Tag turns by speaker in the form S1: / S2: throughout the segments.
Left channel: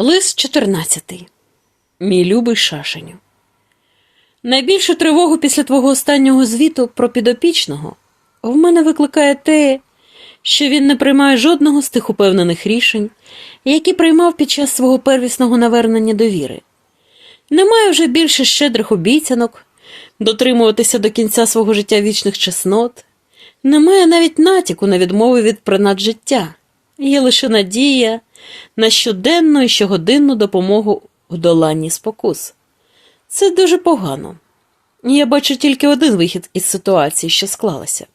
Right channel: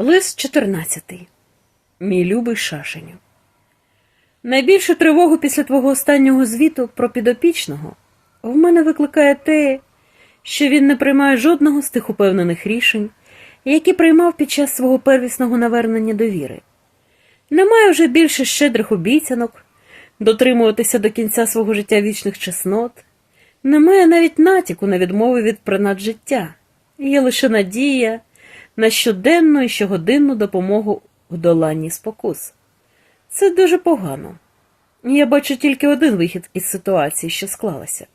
S1: Лист 14. Мій любий шашеню. Найбільшу тривогу після твого останнього звіту про підопічного в мене викликає те, що він не приймає жодного з тих упевнених рішень, які приймав під час свого первісного навернення довіри. Немає вже більше щедрих обіцянок, дотримуватися до кінця свого життя вічних чеснот, немає навіть натяку на відмови від принад життя, є лише надія на щоденну і щогодинну допомогу в доланні спокус. Це дуже погано. Я бачу тільки один вихід із ситуації, що склалася.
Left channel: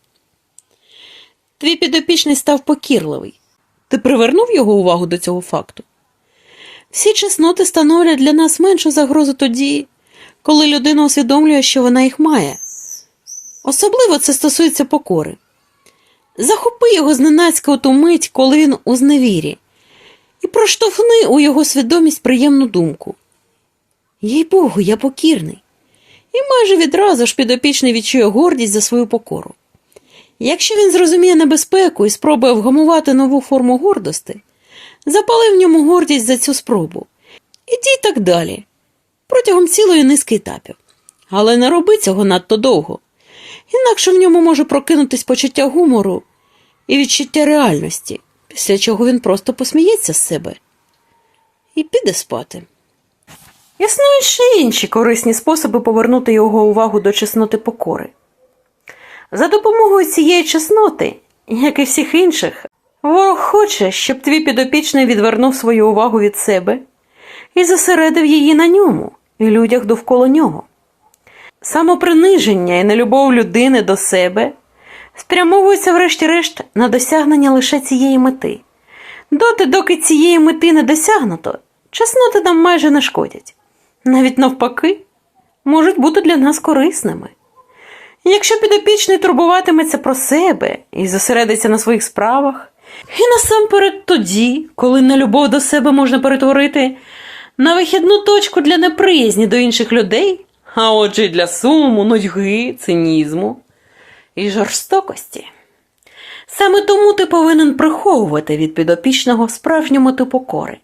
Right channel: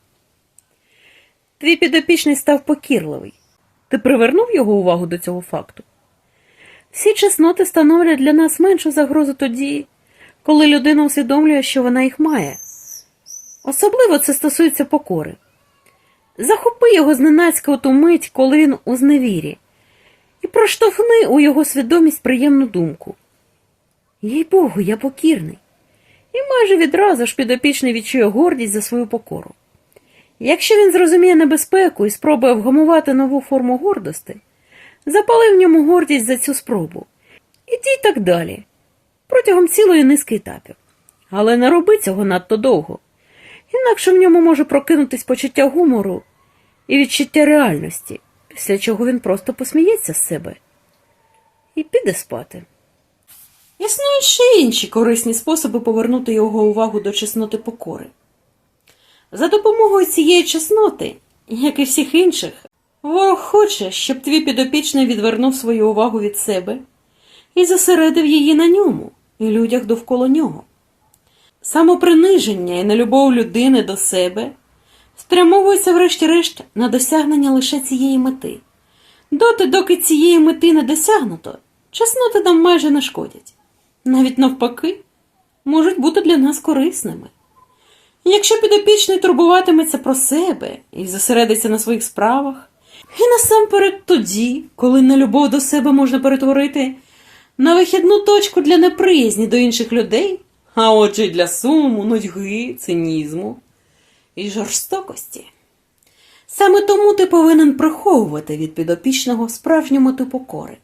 S1: Твій підопічний став покірливий. Ти привернув його увагу до цього факту? Всі чесноти становлять для нас меншу загрозу тоді, коли людина усвідомлює, що вона їх має. Особливо це стосується покори. Захопи його зненацька у ту мить, коли він у зневірі, проштовхни у його свідомість приємну думку. Їй Богу, я покірний. І майже відразу ж підопічний відчує гордість за свою покору. Якщо він зрозуміє небезпеку і спробує вгамувати нову форму гордости, запали в ньому гордість за цю спробу. І так далі, протягом цілої низки етапів. Але не роби цього надто довго, інакше в ньому може прокинутись почуття гумору і відчуття реальності, після чого він просто посміється з себе і піде спати. Існують ще інші корисні способи повернути його увагу до чесноти покори. За допомогою цієї чесноти, як і всіх інших, Бог хоче, щоб твій підопічний відвернув свою увагу від себе і зосередив її на ньому і людях довкола нього. Самоприниження і нелюбов людини до себе спрямовуються, врешті-решт, на досягнення лише цієї мети. Доти, доки цієї мети не досягнуто, чесноти нам майже не шкодять. Навіть навпаки, можуть бути для нас корисними. Якщо підопічний турбуватиметься про себе і зосередиться на своїх справах, і насамперед тоді, коли нелюбов до себе можна перетворити на вихідну точку для неприязні до інших людей, а отже й для суму, нудьги, цинізму і жорстокості. Саме тому ти повинен приховувати від підопічного справжню мету покори.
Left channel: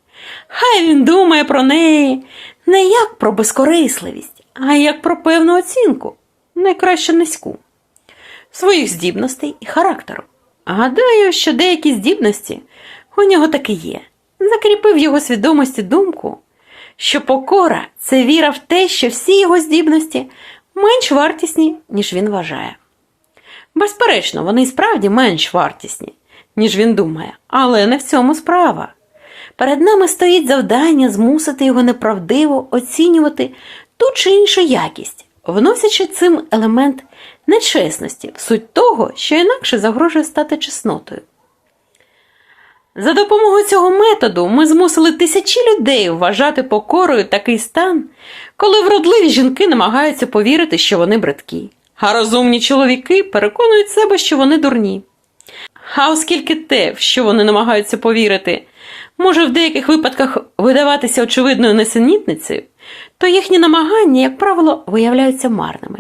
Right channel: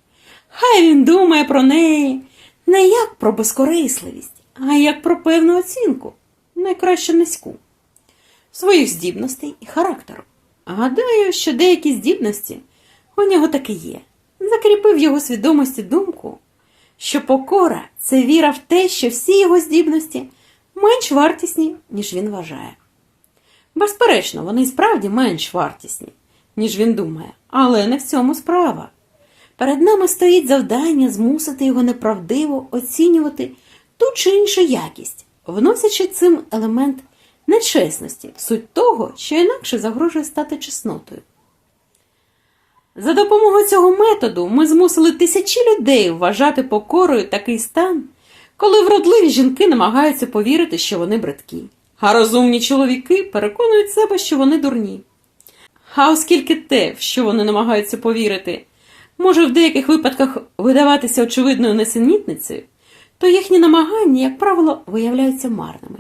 S1: Хай він думає про неї не як про безкорисливість, а як про певну оцінку, найкраще низьку, своїх здібностей і характеру. Гадаю, що деякі здібності у нього таки є. Закріпив його свідомості думку, що покора це віра в те, що всі його здібності менш вартісні, ніж він вважає. Безперечно, вони справді менш вартісні, ніж він думає, але не в цьому справа. Перед нами стоїть завдання змусити його неправдиво оцінювати ту чи іншу якість, вносячи цим елемент нечесності в суть того, що інакше загрожує стати чеснотою. За допомогою цього методу ми змусили тисячі людей вважати покорою такий стан, коли вродливі жінки намагаються повірити, що вони бридкі, а розумні чоловіки переконують себе, що вони дурні. А оскільки те, в що вони намагаються повірити, може в деяких випадках видаватися очевидною несенітницею, то їхні намагання, як правило, виявляються марними.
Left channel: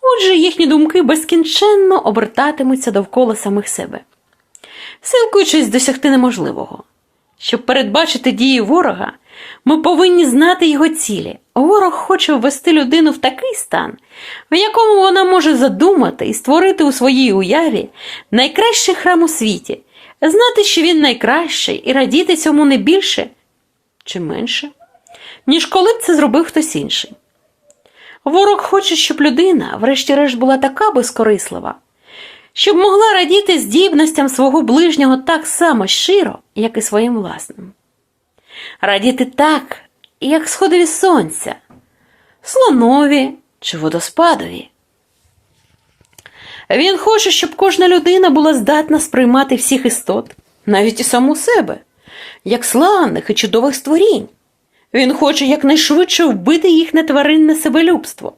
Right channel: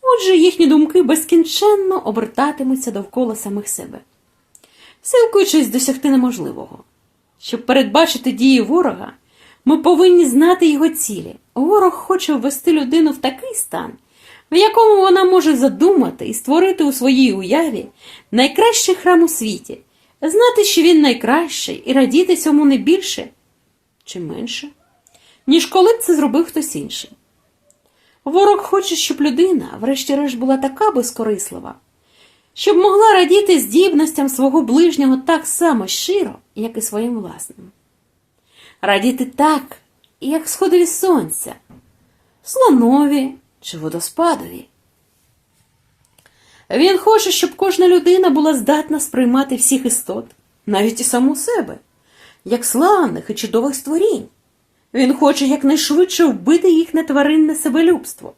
S1: Отже, їхні думки безкінченно обертатимуться довкола самих себе, силкуючись досягти неможливого. Щоб передбачити дії ворога, ми повинні знати його цілі. Ворог хоче ввести людину в такий стан, в якому вона може задумати і створити у своїй уяві найкращий храм у світі, знати, що він найкращий, і радіти цьому не більше чи менше, ніж коли б це зробив хтось інший. Ворог хоче, щоб людина, врешті-решт, була така безкорислива, щоб могла радіти здібностям свого ближнього так само щиро, як і своїм власним. Радіти так, як сходові сонця, слонові чи водоспадові. Він хоче, щоб кожна людина була здатна сприймати всіх істот, навіть і саму себе, як славних і чудових створінь. Він хоче якнайшвидше вбити їхнє тваринне себелюбство.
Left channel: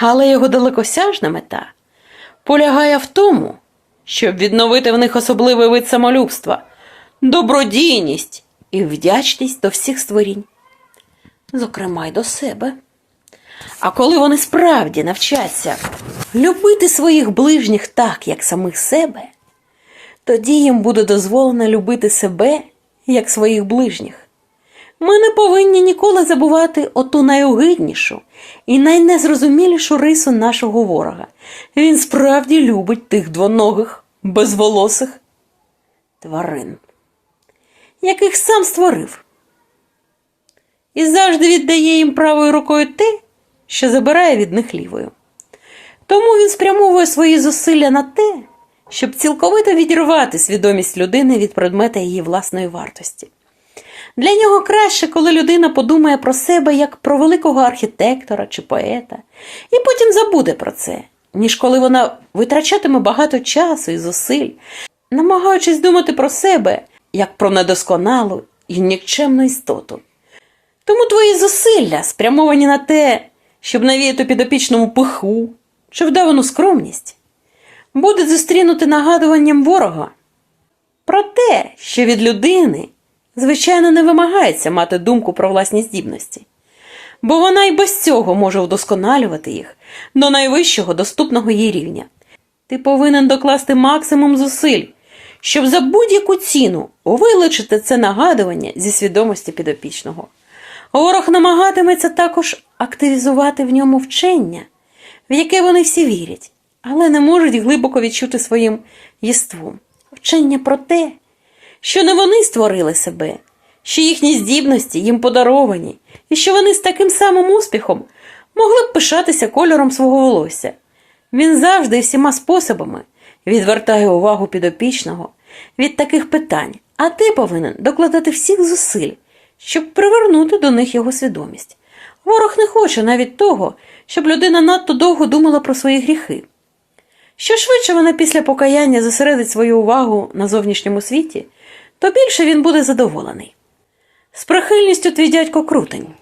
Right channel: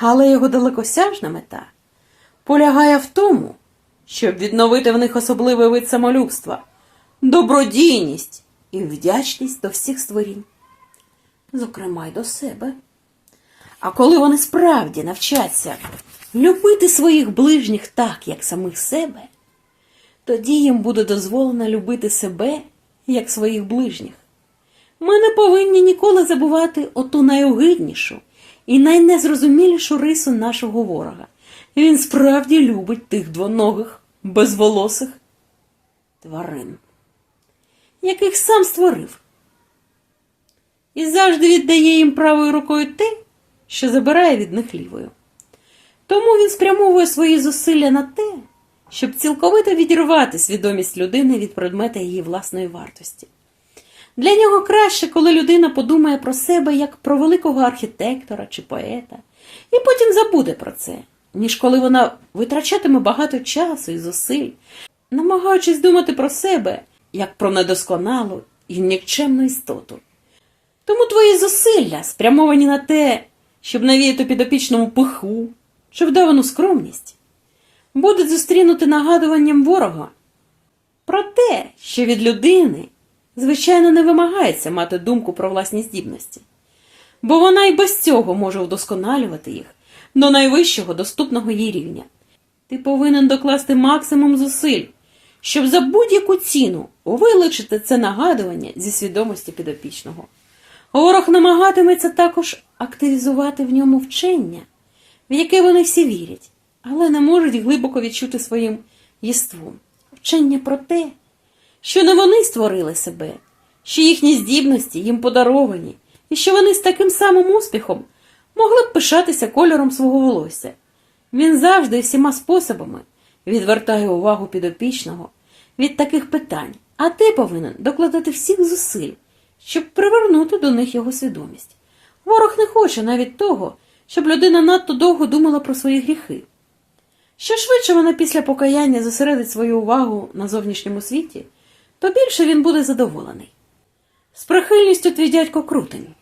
S1: Але його далекосяжна мета полягає в тому, щоб відновити в них особливий вид самолюбства, добродійність і вдячність до всіх створінь, зокрема й до себе. А коли вони справді навчаться любити своїх ближніх так, як самих себе, тоді їм буде дозволено любити себе як своїх ближніх. Ми не повинні ніколи забувати оту найогиднішу і найнезрозумілішу рису нашого ворога. Він справді любить тих двоногих, безволосих тварин, яких сам створив. І завжди віддає їм правою рукою те, що забирає від них лівою. Тому він спрямовує свої зусилля на те, щоб цілковито відірвати свідомість людини від предмета її власної вартості. Для нього краще, коли людина подумає про себе як про великого архітектора чи поета, і потім забуде про це, ніж коли вона витрачатиме багато часу і зусиль, намагаючись думати про себе як про недосконалу і нікчемну істоту. Тому твої зусилля спрямовані на те, щоб навіяти підопічному пиху чи вдавану скромність, будуть зустрінути нагадуванням ворога про те, що від людини, звичайно, не вимагається мати думку про власні здібності, бо вона й без цього може вдосконалювати їх до найвищого доступного їй рівня. Ти повинен докласти максимум зусиль, щоб за будь-яку ціну вилучити це нагадування зі свідомості підопічного. Ворог намагатиметься також активізувати в ньому вчення, в яке вони всі вірять, але не можуть глибоко відчути своїм єством. Вчення про те, що не вони створили себе, що їхні здібності їм подаровані, і що вони з таким самим успіхом могли б пишатися кольором свого волосся. Він завжди і всіма способами відвертає увагу підопічного від таких питань, а ти повинен докладати всіх зусиль, щоб привернути до них його свідомість. Ворог не хоче навіть того, щоб людина надто довго думала про свої гріхи. Що швидше вона після покаяння зосередить свою увагу на зовнішньому світі, то більше він буде задоволений. З прихильністю твій дядько крутень.